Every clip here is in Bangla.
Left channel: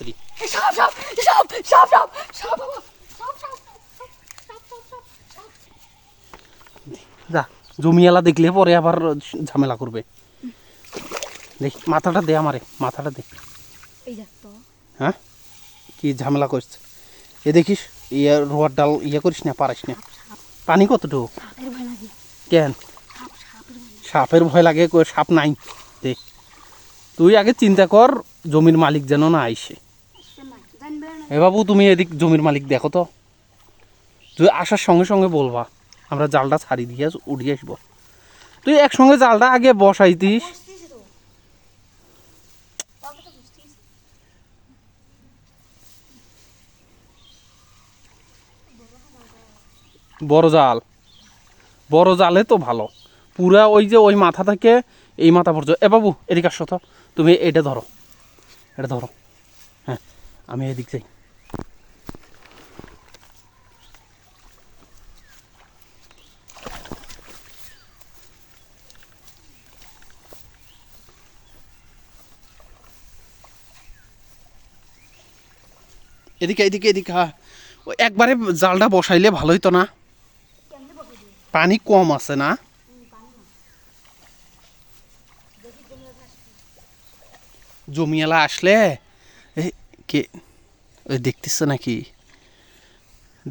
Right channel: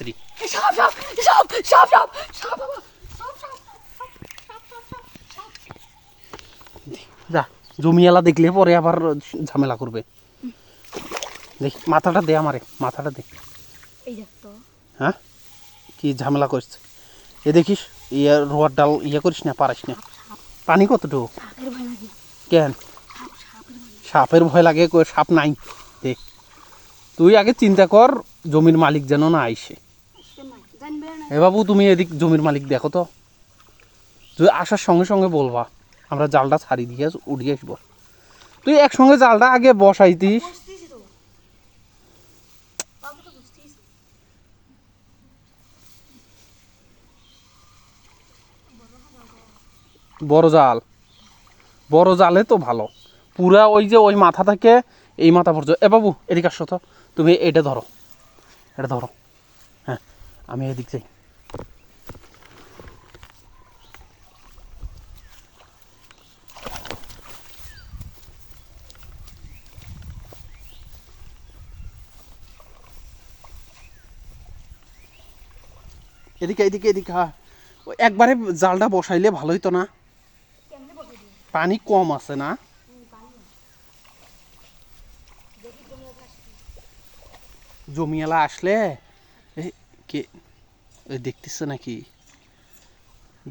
তাড়াতাড়ি সাপ সাপ সাপ সাপ সাপ সাপ যা জমিয়ালা দেখলে পরে আবার ঝামেলা করবে। দেখ মাথাটা দে আমারে মাথাটা দে। হ্যাঁ? কি ঝামেলা করছে? এ দেখিস ইয়ে রোয়ার ডাল ইয়ে করিস না পারিস না। পানি কতটুকু? কেন? সাপের ভয় লাগে। সাপ নাই। দেখ তুই আগে চিন্তা কর জমির মালিক যেন না আইসে। এ বাবু, তুমি এদিক জমির মালিক দেখো তো। তুই আসার সঙ্গে সঙ্গে বলবা, আমরা জালটা ছাড়ি দিয়ে উঠিয়ে আসব। তুই একসঙ্গে জালটা আগে বসাইতিস। বড় জাল। বড় জালে তো ভালো। পুরা ওই যে ওই মাথা থেকে এই মাথা পর্যন্ত। এ বাবু, এদিকে আসো তো। তুমি এটা ধরো। এটা ধরো। হ্যাঁ আমি এদিক যাই। এদিকে এদিকে এদিকে হ্যাঁ একবারে জালটা বসাইলে ভালো হইতো না। পানি কম আছে না? জমিয়ালা আসলে ওই দেখতেছে নাকি?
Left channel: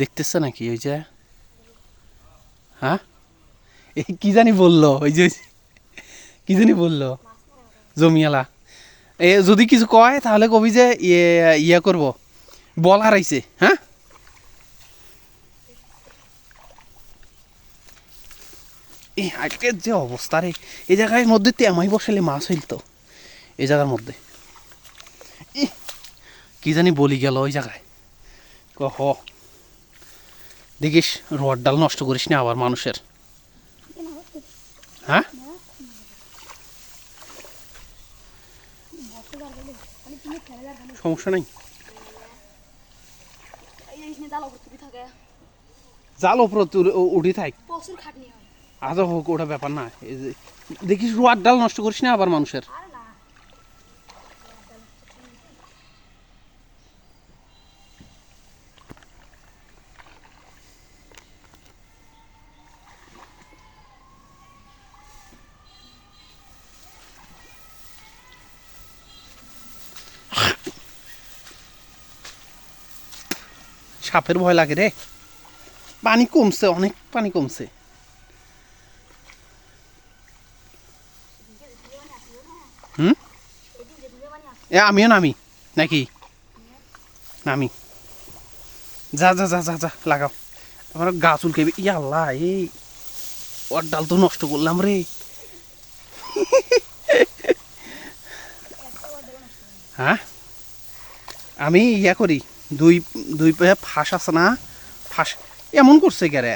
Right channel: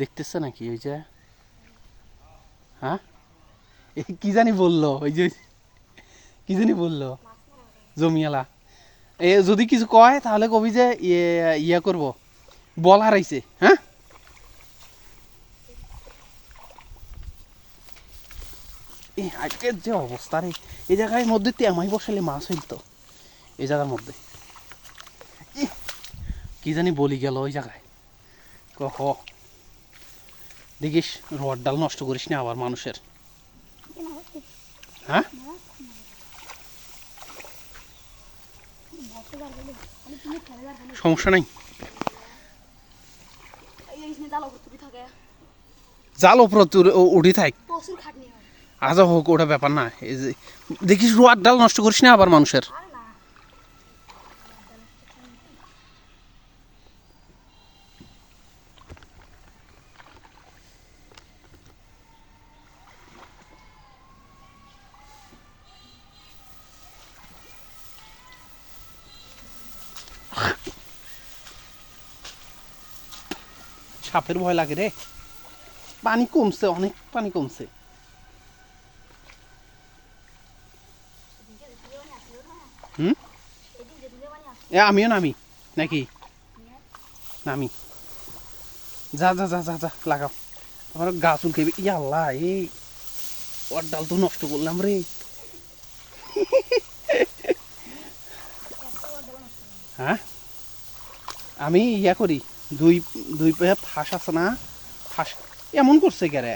দেখতেছে নাকি ওই যে? হ্যাঁ? কি জানি বলল, ওই যে, কি জানি বলল জমিয়ালা এ যদি কিছু কয়, তাহলে কবি যে ইয়ে ইয়ে করব। বল হারাইছে হ্যাঁ? এই আজকের যে অবস্থা রে এই জায়গায় মধ্যে তেমাই বসালে মাছ হইতো এই জায়গার মধ্যে। কি জানি বলি গেল ওই জায়গায়। কহ দেখিস, রড ডাল নষ্ট করিস না আবার মানুষের। হ্যাঁ? সমস্যা নাই এই জিনিস নিয়ে জ্বালা করতে থাকে জাল ওপর উঠি থাক। আজ আজও হোক ওটা ব্যাপার না। এই যে দেখিস রোয়ার ডাল নষ্ট করিস না আবার মানুষের সাপের ভয় লাগে রে। পানি কমছে, অনেক পানি কমছে। হুম? এ, আমিও নামি। নাকি? নামি। যা যা যা যা যা, লাগাও। আমার গা চুলকেবি ইয়া আল্লাহ এই ওর ডাল তো নষ্ট করলাম রে। হ্যাঁ? আমি ইয়া করি। দুই দুই পায়ে ফাঁস আছে না? ফাঁস। এমন করছে কেরে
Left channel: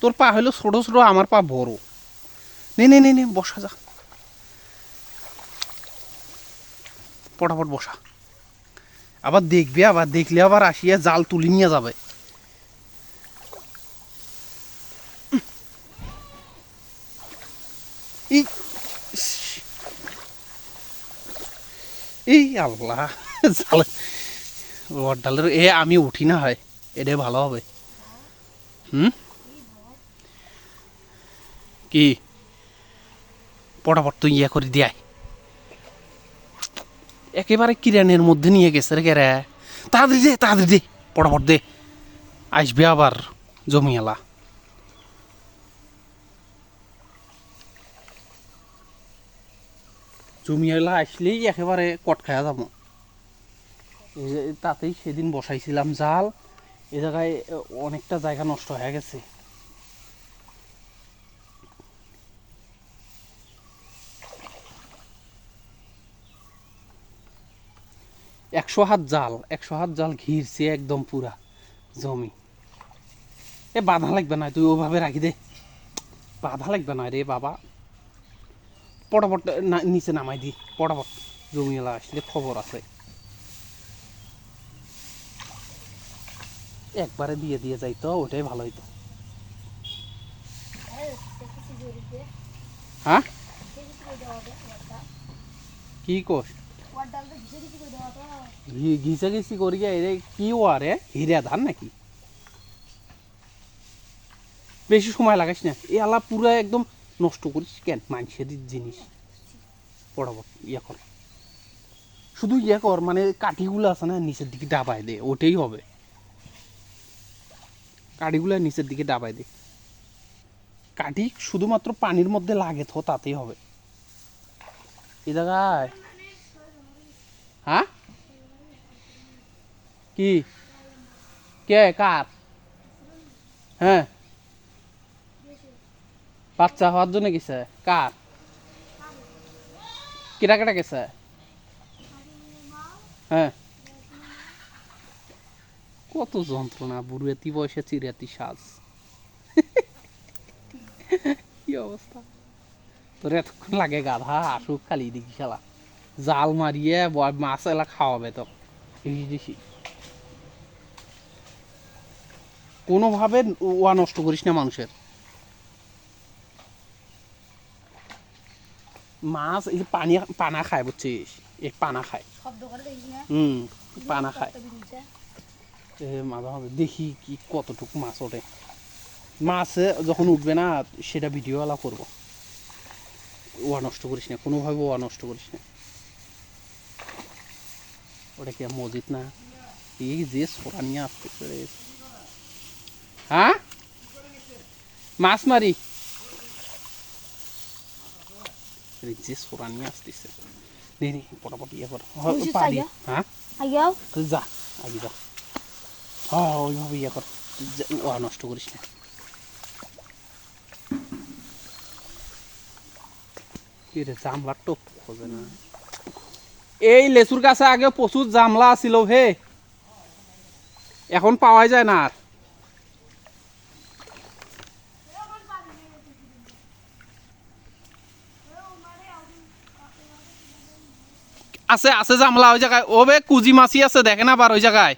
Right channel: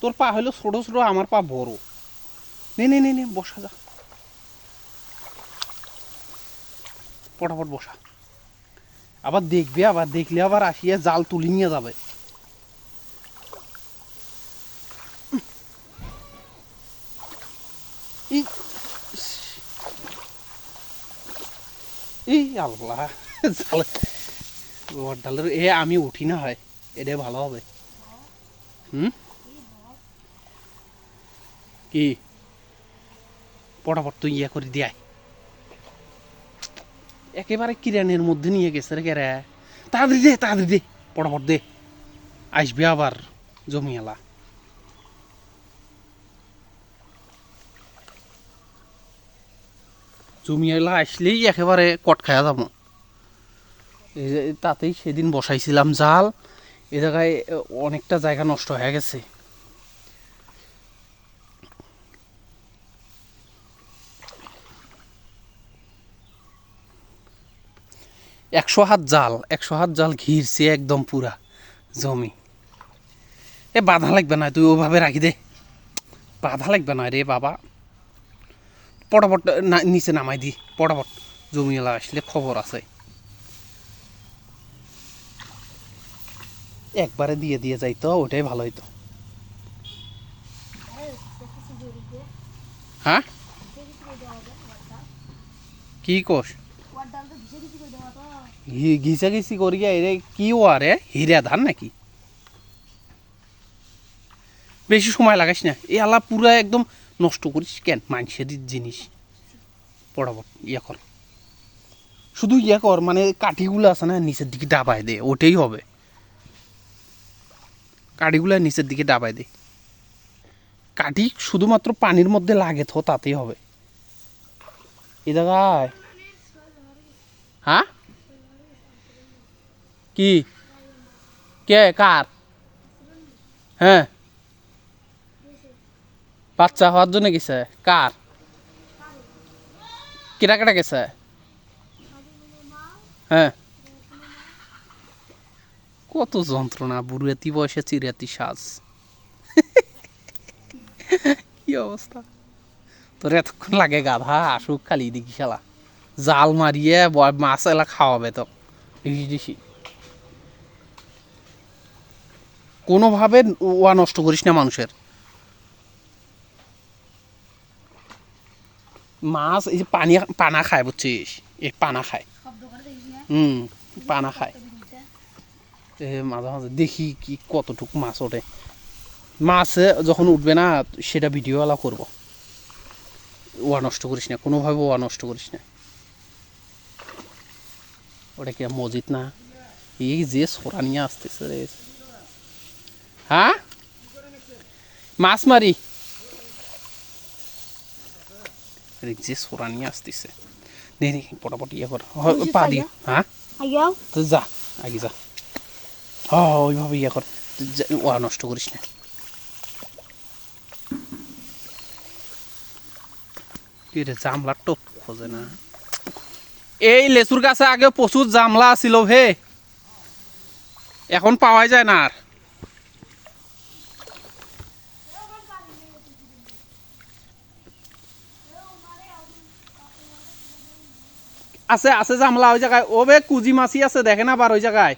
তোর পা হলো ছোট ছোট, আমার পা বড়। নে নে নে বসা যা। পটাপট বসা। আবার দেখবে, আবার দেখলে আবার আসিয়া জাল তুলি নিয়ে যাবে। এই আল্লাহ রড এ আমি উঠি না হয়, এটাই ভালো হবে। হুম? কি? পটাপট তুই ইয়ে করে দিয়াই একেবারে কিরানের মধ্যে নিয়ে গেছে রে কেরে। তাড়াতাড়ি দে তাড়াতাড়ি দে, পটাপট দে। আসবে আবার জমিয়ালা জমিয়ালা আসলেই একেবারে কট খায়া যাব। তাতেই সেদিন বসাইছিলাম জাল। এ জায়গায় অনেকটা জায়গা নষ্ট হয়ে গেছে। একশো হাত জাল, একশো হাত জাল ঘিরছে একদম পুরা জমি। এ বাধা লাগবে না, তুই ওভাবে রাখি দে। বাধা লাগবে না রে বাবা। পটাপট নিচে নামাই দি, পটাপট। জমিওয়ালা আসলে খবর আছে। একবারে দিয়ে দিয়ে যাইতো ওটাই ভালো হইতো। হ্যাঁ? কি কোষ? ঘিসে ঘিসে করে এরে কি ও আরে? হিরা ধান নাকি? বেশি সময় লাগাইস না। এই আলা পুরা একদম নষ্ট করিস কেন? মানুষের জিনিস। পড়াবো, ইয়া কর। শুধু ইয়া কর মানে কাঠিগুলো আছে না, নিচের দিকে ডাবায় দে, ওটাই হবে। কাঠিগুলো নিচের দিকে ডাবায় দে কাঠি শুধুমাত্র পানির মধ্যে লাগে তো তাতেই হবে। এই জায়গায়? হ্যাঁ? কি? কে? কার? হ্যাঁ? বাচ্চা হওয়ার জন্য গেছে? কার? কেটা কেটা গেছে? হ্যাঁ? কত যন্ত্রণা বুড়াতি বয়সে চিরাতি সাজ কি অবস্থা? তোর এতক্ষণ লাগে গাধা আসুক খালি দেখি শালা। জাল মারিয়ে মাছ এলা খাওয়াবে তো কোনোভাবে ওয়া নষ্ট করিস না মানুষের। মাছ এই যে পানি পানা খায় বুঝছিস? এই পানা খায়। হুম পানা খায়। মাঝে মাঝে দেখি কি কতটুকু মাছ ওঠে। মাছ যখন উঠবে না সেটা ভিডিও ভিডিওওয়ালা করব। ওয়া নষ্ট করিস না কোনোভাবে ওয়া নষ্ট করিস না। ওটা কি মসজিদ না? এই যে সোরা নিয়ে আসতেছে রে। হ্যাঁ? মাছ মারি। যে সোরা নিয়ে আসতেছে। দেখি পটাপটি ইয়ে কর। পা দি। হ্যাঁ? যা আগে যা। ওইভাবে ইয়ে কর। ও নষ্ট করিস না। জামলা টোপ খোঁজে না। এই লেচুর গাছে আগে প্রচুর জামলা ছিল হে। এখন পাওয়া যায় না আর। আছে আছে জামলা ওই জায়গায়। ও বে, কুজি মাছি আছে, দেখে না আবার ওই জায়গায়?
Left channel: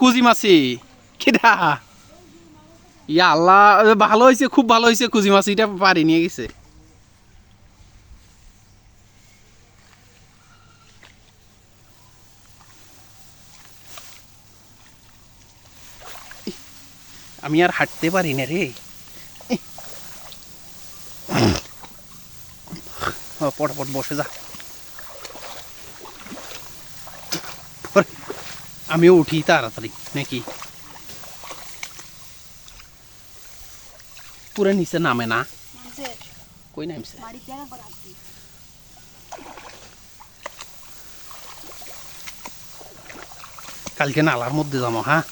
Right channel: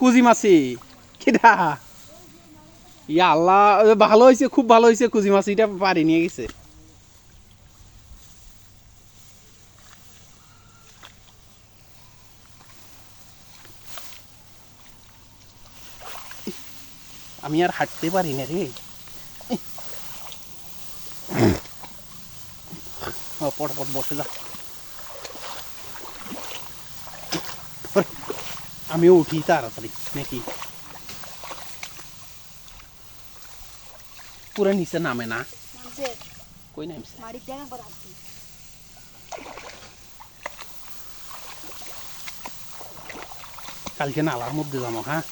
কুজি মাছি। কিরা ইয়া আল্লাহ ভালো হয়েছে খুব ভালো হয়েছে কুজি মাছিটা পারি নিয়ে গেছে। আমি আর হাঁটতে পারি না রে। পটপট বসে যা। আমিও উঠি তাড়াতাড়ি নাকি? পুরো নিচে নামে না? কই নামছে? কালকে নালার মধ্যে যাব হ্যাঁ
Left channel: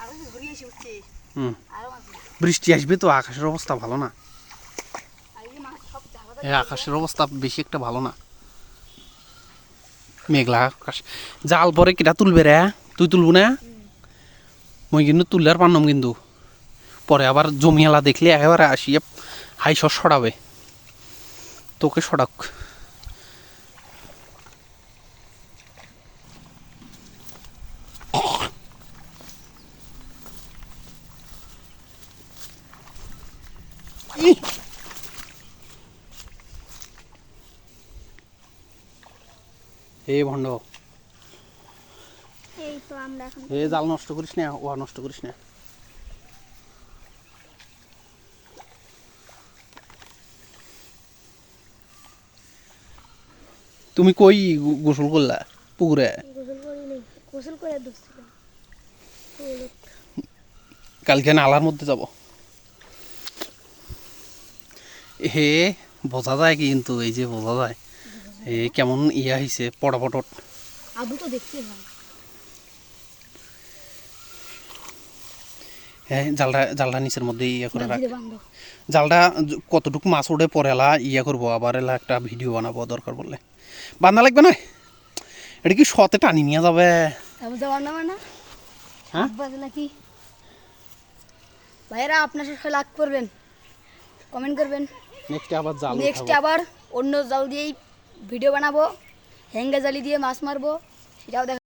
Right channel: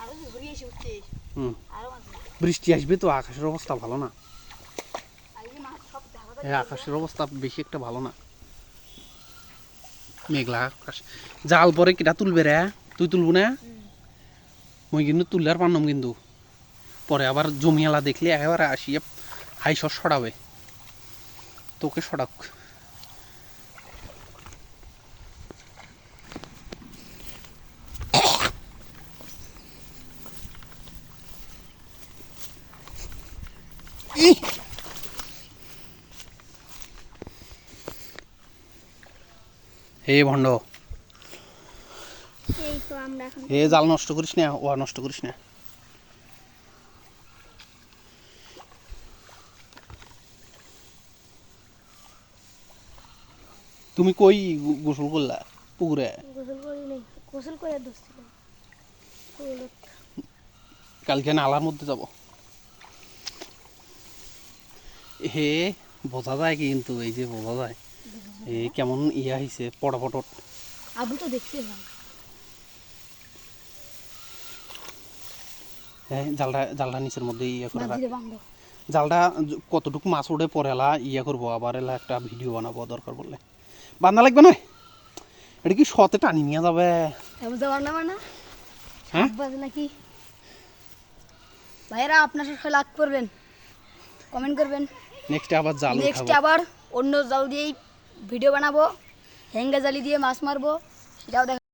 আরও ঘুরিয়ে এসে উঠছে হুম আরও মাছ না বৃষ্টি আসবে তো, আকাশের অবস্থা ভালো না। আর এই যে মাছ সব জায়গা এই আকাশের অবস্থা বেশি একটা ভালো না। মেঘলা আকাশ। জাল পরে কিটা তুলবে রে? তুই তুলবো না? মই কিন্তু তুললে আর পারলাম কিন্তু। পরে আবার জমিয়ালা দেখলে একেবারে আসিয়ে হাই সর সরাবে। তোকে সরাক। হে ভণ্ড। হে জাল নষ্ট করিস না ও নষ্ট করিস না। তুমি কই গোসল করলা পুকুরে? কালকে নালার মধ্যে যাব। হে বোঝা যায় কিন্তু এই যে বোঝা যায়। কেমন ইয়া হয়েছে পটাপটট? আবু তো দেখছে ভাই। হ্যাঁ জালটা জালটা নিচের মধ্যে ইয়া করে রাখ। জালটা কতটুকু মাছ ওঠে পরে এলা ইয়া করব আবার এলা একটা ভিডিও বানাবো দরকার বললে বান্ধা লাগবে না? এটা কি শতে টানি নিয়ে যাবে? আবু যাওয়ার না মানে হ্যাঁ? নাকি ভাইরা আপনার সাথে লাগ করবেন। কমেন্ট করবেন। নেক্সট আবার জাল নেক্সট আবার অন্য জাল দিয়েই ভিডিও বানাবো হ্যাঙ্গা জালি দিয়ে মাছ মারবো সেটাও দেখা